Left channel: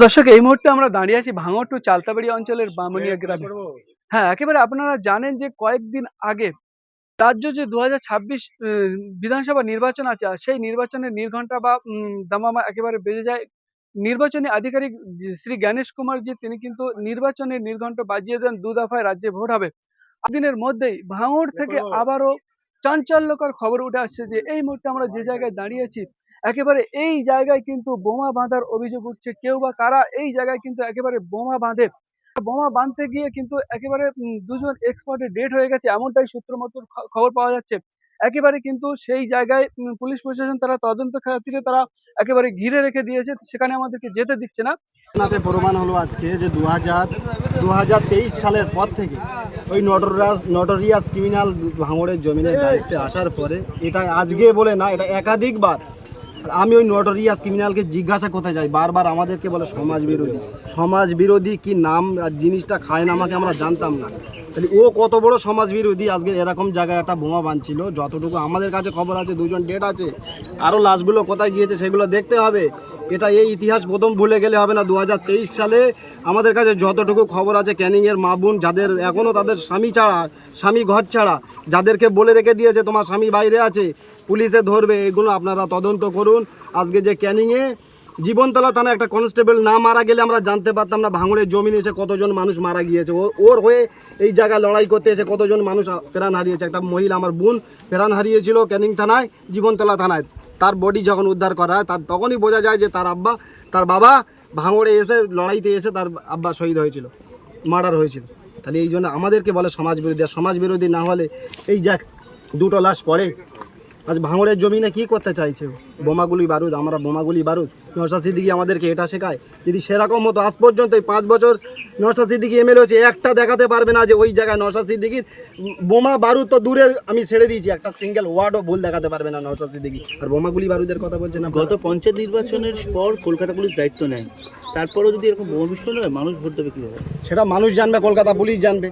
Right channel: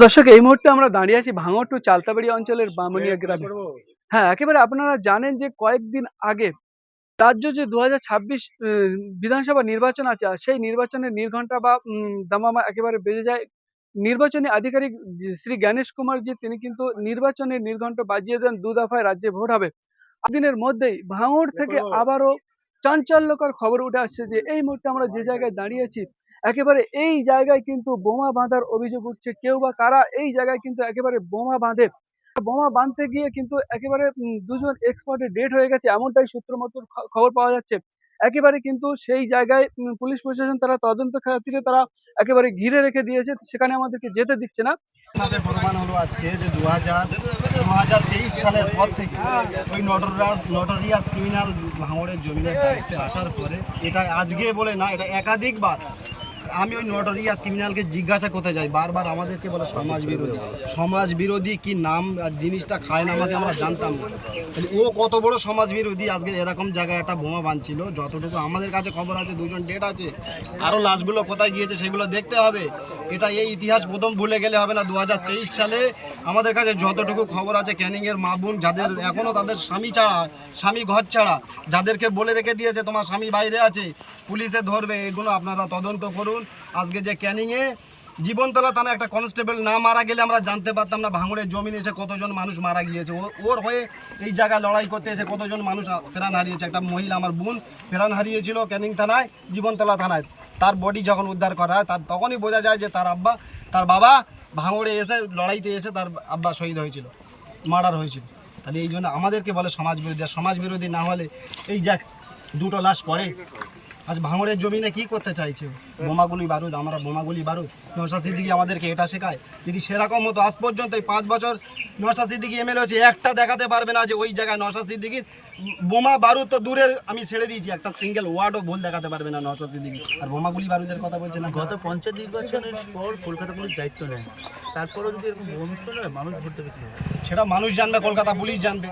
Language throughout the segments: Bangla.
দর্শক, এই মুহূর্তে আমরা দাঁড়িয়ে আছি ভাঙড় টু চালতাবাড়ি অঞ্চলের বামুনিয়া গ্রামে। হ্যাঁ, একেবারে আপনারা জানেন যে কয়েকদিন আগে রাজ্য যে ২০২৬ বিধানসভা নির্বাচন আছে, আর সেই নির্বাচনের নির্ঘণ্টা বা দামামা একেবারে বেজে যায়। নির্বাচনী আধিকারিক শ্রী জ্ঞানেশ কুমারজি তিনি কিন্তু নির্বাচনের নির্ঘণ্ট বাজিয়ে দেন, ২ দফায় রাজ্যে ভোট হবে। দিনের মধ্যেই ভাঙড় থেকে আবারও চাঞ্চল্যকর খবর উঠে আসছে যে এই মুহূর্তে আমরা যে জায়গায় দাঁড়িয়ে আছি, একেবারে এই জায়গায় কিন্তু বোমা বাঁধার অভিযোগ উঠছে। কেউ বা কারা এই জায়গায় কিন্তু একেবারে বোমা বাঁধে। বোমা বাঁধতে গিয়ে কিন্তু একেবারে দুজন এক্সপার্টের ডেট হয়ে গেছে, এমনটাই সূত্র মতো খবর পাওয়া যাচ্ছে। একেবারে কিন্তু সেই জায়গায় পুলিশ প্রশাসন তারা তদন্ত খাতিরে তারা একেবারে ঘিরে রেখে দিয়েছে, সেখানে আমাদেরকে যেতে দিচ্ছে না। তাতে প্রমাণ হলো আজকে যে 2023 সালের পর থেকে ওই নটোরিয়াস ক্রিমিনাল ভাঙড়ের জমিনের দায়িত্বে আসার পরে, এটা আজকে বলে না, এটা একাধিকবার আমি ওই নটোরিয়াস ক্রিমিনালকে জিজ্ঞাসা করতে যাই, বারবার আমাদেরকে বলে সমাজ বিরোধী কি নাম আর জিনিসটা খায় না আমাকে, আমরা জানতাম না। তাহলে ও কত বড় সমাজ বিরোধী, আজকে এরকম জায়গায় একটা বোমা বাঁধছিল। যতটুকু আমাদের কাছে খবর আছে 2জন ডেট আছে, আরও লাশগুলো কোথায় গিয়েছে সেগুলো দেখতে হবে। এটা এই ইতিহাস প্রথম ভুলে গেলে হবে না। 2023 সালে আমাদের কাছে যতটুকু খবর আছে, ক্যানিংয়ের মা বোন যাদের এখনও তাদের স্বামী ঘর ছাড়া, যাদেরকে বলে রেখে দিয়েছে তোমার স্বামী বাইরে আছে, পুলিশে ধরবে, এগুলো আপনারা তদন্ত করুন। আজকে যে ক্যানিংয়ে জীবনতলা থানায় একটা কনস্টেবল না মারা গেলে আমরা জানতে পারতাম না ভাঙড়ের জমিনে এসে কতজন মানুষ মারা গিয়েছে। ওর হয়ে এই জায়গায় লড়াই করতে এসে কতজন মানুষ প্রাণ হারিয়েছে। একটা মহিলা আমার বোন প্রাণ হারিয়েছিল ক্যানিং থানায়, জীবনতলা থানায়। তার বডি যখন উদ্ধার করা হয়, তার তখনই বোঝা যায় যে তার বাবা ভাঙড়ে এসে লড়াইতে এসে তার আব্বা শহীদ হয়েছিল, মার্ডার হয়েছিল। তাহলে এই জন্য আমাদেরকে বলে সমাজ বিরোধী না হলে এই যাক 2টো লাশ পড়ে। আজ ভাঙড়ের জমিনে কি করতে চাইছে? বোমাগুলি বারুদ, আমরা বোমাগুলি বারুদ। নওশাদ সিদ্দিকী আমাদেরকে এটা শেখায়। যদি সেরকম হতো, আজ পর্যন্ত এই 5 বছর নওশাদ সিদ্দিকী এমএলএ হচ্ছে, একটা দেখাতে পারবে না যে ওই জায়গায় নওশাদ সিদ্দিকীর বোমা বারুদ তো দূরে আমি ছেড়ে দিয়েছি, একটা সিঙ্গেল ওয়ার্ডও ভুল দেখাতে পারবে না নওশাদ সিদ্দিকী। আর বোমাগুলি বারুদের কথা বলছে না। গত পঞ্চায়েত নির্বাচনের পর কলকাতা পুলিশ দায়িত্ব নেয়, তারপরেও যদি এরকম বোমা বিস্ফোরণ হয়, মানুষ ভোট দেবে কীভাবে? সেটা মানুষ জানবে, কলকাতা পুলিশ জানবে।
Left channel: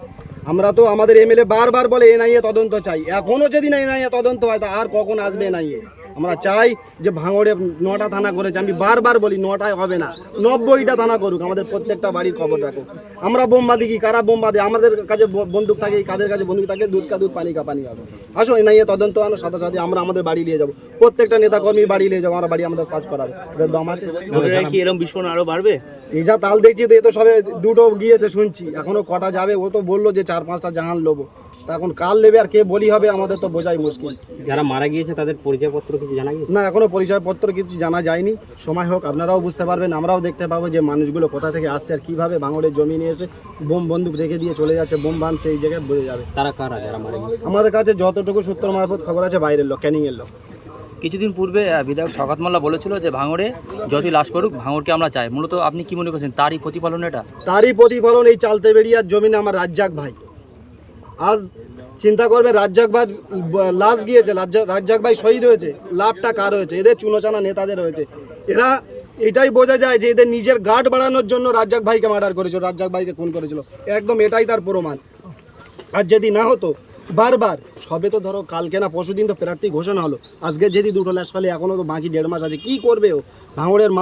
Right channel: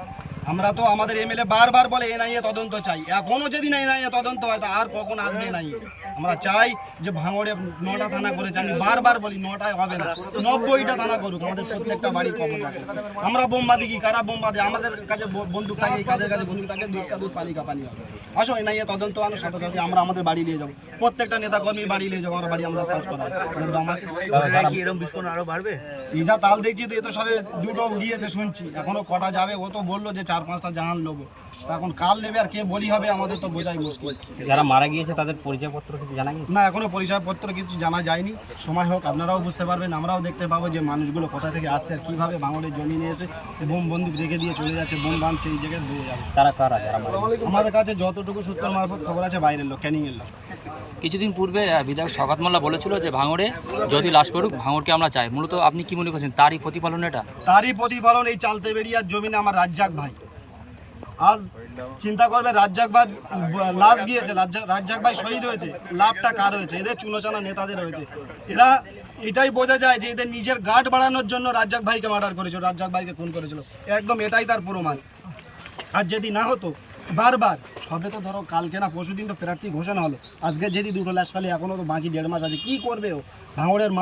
আমরা তো আমাদের এমএলএ বারবার বলে এনআইএ তদন্ত চাই। এখনও যদি না এনআইএ তদন্ত হয়, তা আর কখন আসবে এনআইএ? আমরা চাই যে ভাঙড়ে 9টা থানা করেছে, আমি বারবার বলি 9টায় হবে না, 90টা থানা করুক, আমাদের প্রত্যেকটা বাড়ি খবর রাখুক। আমরা বোমা দিই, কারা বোমা দেয়? আমাদের কাছে বন্দুক থাকে, কাদের কাছে বন্দুক থাকে, দুধ কা দুধ পানি কা পানি হবে। আসো এনআইএ তদন্ত আনো, সাথে সাথে আমরা আমাদের বাড়ি নিয়ে যাবো, প্রত্যেকটা নেতা কর্মী বাড়ি নিয়ে যাবো, আমরা বাড়ি আমাদের সার্চ করাবো, দম আছে। কি এরকম বিস্ফোরণ আরও বাড়বে? এই যা তাল দেখছি তো, এ তো সবে 2টো গিয়েছে শুনছি, এখনো কটা যাবে? ও তো বললো যে 4-5টা জাহান লোবো, তা এখন কাল নেবে আর কে বলি হবে আমাদের তো বোঝাই মুশকিল। যারা মারা গিয়েছে তাদের পরিচয়পত্র কিছু জানা গিয়েছে? না, এখনো পরিচয়পত্র কিছু জানা যায়নি। সময় হোক, আপনারাও বুঝতে পারবেন, আমরাও দেখতে পাবো যে মানুষগুলো কোথা থেকে আসছে আর কীভাবে ভাঙড়ের জমি নিয়ে এসে বোম বন্দুক রেখে দিয়ে চলে যাচ্ছে, বোম বাঁধছে, এই জায়গায় বোঝা যাবে তারা কারা যারা মারা গিয়েছে। আমাদের কাছে যতটুকু সূত্র মারফত খবর আছে বাইরের লোক, ক্যানিংয়ের লোক। কিছুদিন পূর্বে বিধায়ক শওকত মোল্লা বলেছিল যে ভাঙড়ে যতই লাশ পড়ুক ভাঙড়কে আমরা চাই। মূলত আপনি কি মনে করছেন, তারই প্রতিফলন এটা? তারই প্রতিফলন এই চালতেবেড়িয়ার জমিনে আমার রাজ্জাক ভাই। আজ চিন্তা করবে, রাজ্জাক ভাই লাশ গিয়েছে, রাজ্জাক ভাই শহীদ হয়েছে, লাভটা কার হয়েছে? এদের চুনোচানা নেতাদের হয়েছে। এরা এটাই বোঝা যায় যে এদের নিজের গার্ড বাড়ানোর জন্য রাজ্জাক ভাইকে মার্ডার করেছিল, রাজ্জাক ভাইকে খুন করেছিল, একদম এটাই তার প্রমাণ। আর যদি না হতো বারবার, সবে তো ধরো কালকে না পরশুদিন তো প্রার্থী ঘোষণা হলো, আজকে যদি 2টো লাশ ফেলে, এখনও তো বাকি 1.5 মাস আছে, কি করবে ও? ভাঙড়ের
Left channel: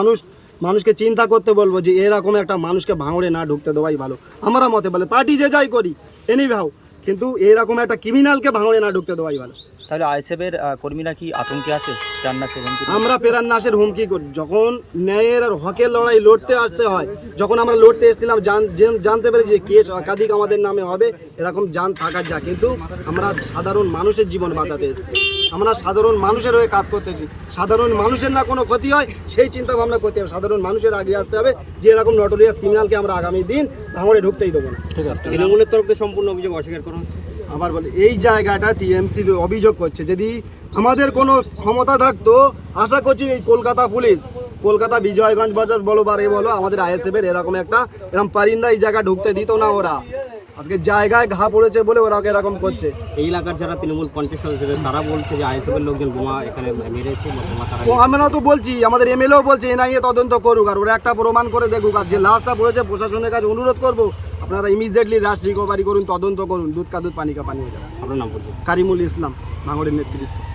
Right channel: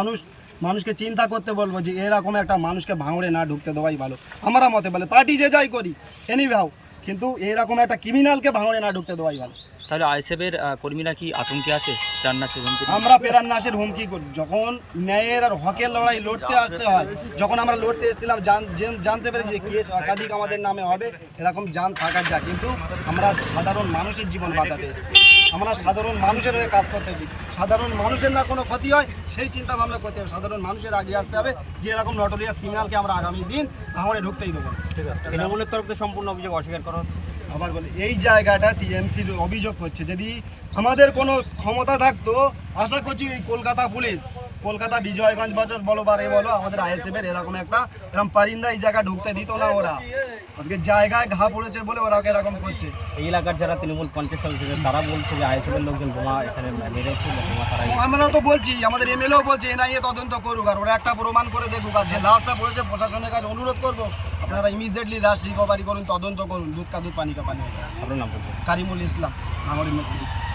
মানুষকে চিন্তা করতে বলবো যে এরকম একটা মানুষকে ভাঙড়ে না ঢুকতে দেওয়াই ভালো। আমরা মতে বলে পার্টি যে যাই করি এনি ভাও, কিন্তু এরকম একটা ক্রিমিনালকে ভাঙড়ে না ঢুকতে দেওয়াই ভালো। তাহলে আইএসএফের কর্মীরা কি আতঙ্কে আছে? প্রাণনাশের হুমকি? আমরা প্রাণনাশের হুমকি করি। যখন ন্যায়ের আর হকের লড়াই লড়তে আসতে হয়, যখন আমরা লড়তে এসেছিলাম, জানতে পেরেছি যে কেস একাধিক আমাদের নামে হবে, এরকম জান থাকার যা, কিন্তু আমরা সাধারণ মানুষের জীবন বাঁচাতে এসেছি, আমরা সাধারণ মানুষের হয়ে কাজ করতেছি। সাধারণ মানুষের না কোনো ক্ষতি হয় সেই চিন্তা ভাবনা করতে হবে, সাধারণ মানুষের আগে আসতে হবে যে এরকম নটোরিয়াস ক্রিমিনালকে আমরা আগামী দিন ভাঙড়ে ঢুকতেই দেবো না। তৃণমূলের তরফে সম্পূর্ণ অভিযোগ অস্বীকার করা হচ্ছে। আবার বলে এই জায়গাটা টিএমসির অভিযোগ করছে। যদি আমাদের কোনো ক্ষমতা থাকতো, আশা করছি এই কলকাতা পুলিশ, কলকাতা বিজয়গঞ্জ বাজার বলো বা বলো, আমাদের আইএসএফের এরকম পারিন্দা এই জায়গা ঢুকতে দিত না। ওরা আজকে জায়গায় ঘা পড়েছে বলে ওরা এরকম করছে। এই এলাকার যারা তৃণমূল কন্টেস্ট হিসেবে তারা বলছে যে আইএসএফের লোকজন বোমা এখানে মেরেছে বা বোমা তারা। তো আমরা তো বলছি, আমাদের এমএলএও বলছে এনআইএ তদন্ত করুক, আর ওরা একটা প্রমাণ করে দেখুক। আর যে লাশটা পড়েছে, প্রশাসনের কাছে অনুরোধ করবো, আপনারা ইমিডিয়েটলি লাশ রিকভারি করুন, তদন্ত করুন, দুধ কা দুধ পানি কা পানি হয়ে যায়। আপনার নাম বলছে? কারিমুল ইসলাম, ভাঙড়ের নেতৃত্ব।